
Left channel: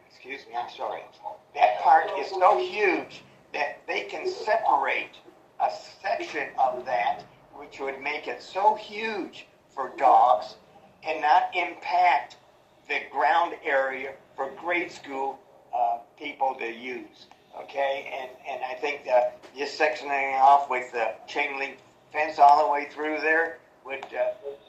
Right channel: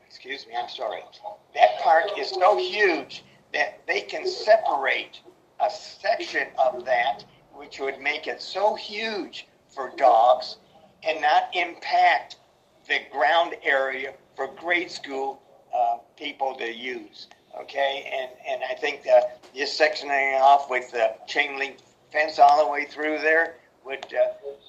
park is so huge that they can separate a section of that, which would make it so huge for dogs and not impact the ground area for grade school people to use. Okay, and I think just sectioning off with the chain link fence all the way through there would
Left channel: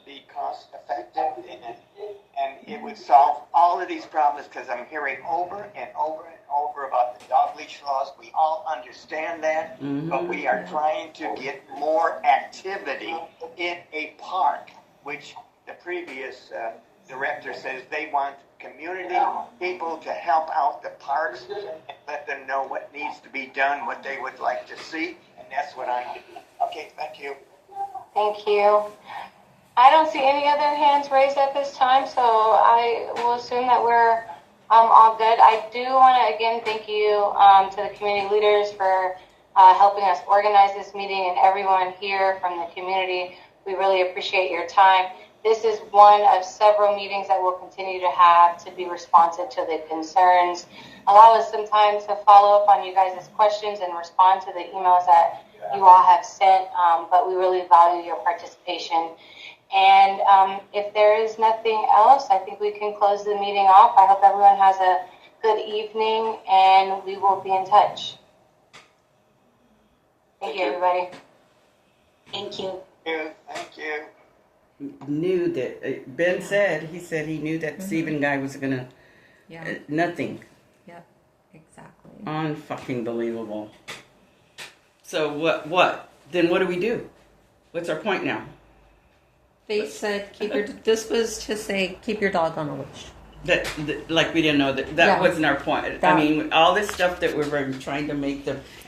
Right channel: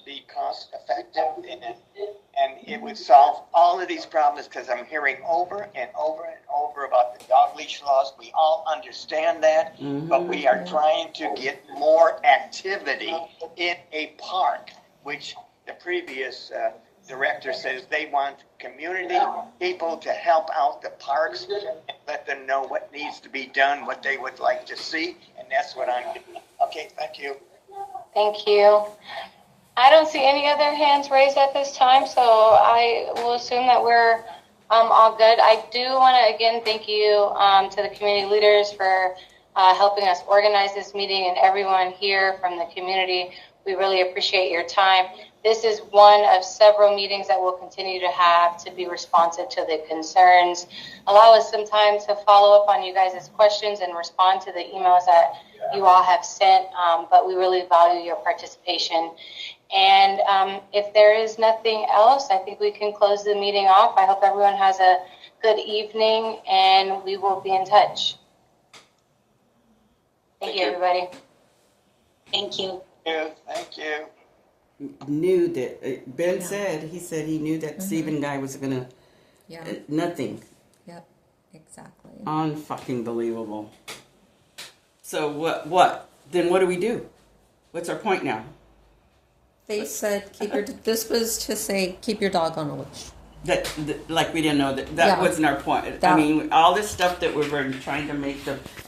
be cost effective, and it would solve all of these problems, because I'm hearing over and over and over about the dog leash laws. We all understand that, but we are trying to get more activity in a park, which the previous director says they want community people to help out the parks and let them know what needs to be done, what they would like to see, and that's what I'm doing. Okay, thank you. Thank you. I don't see any other hands raised at this time, so I will assume that we're all good. I do want to again thank you to the community leaders for helping us organize this meeting, and everyone here from the community. We really appreciate your time. This is one of several meetings that we'll continue to have to be responsive to the concerns. Allow us some time to follow up on you guys' questions and respond to the emails that you all have sent, but we really value your participation. And if there is nothing else, I think we can close the meeting off. I hope everyone has a good evening, and we will be in touch. Thank you, everybody. Thank you. Thank you. Knew that Ben said he knew that Stephen guy was gonna nothing. Yep, exactly. Unfucking believable. So what? Then what do we do? What's our point now? They said this was to say keep your dog on a leash. That like we didn't know that wasn't our point. I mean, all this stuff that we were trying to make the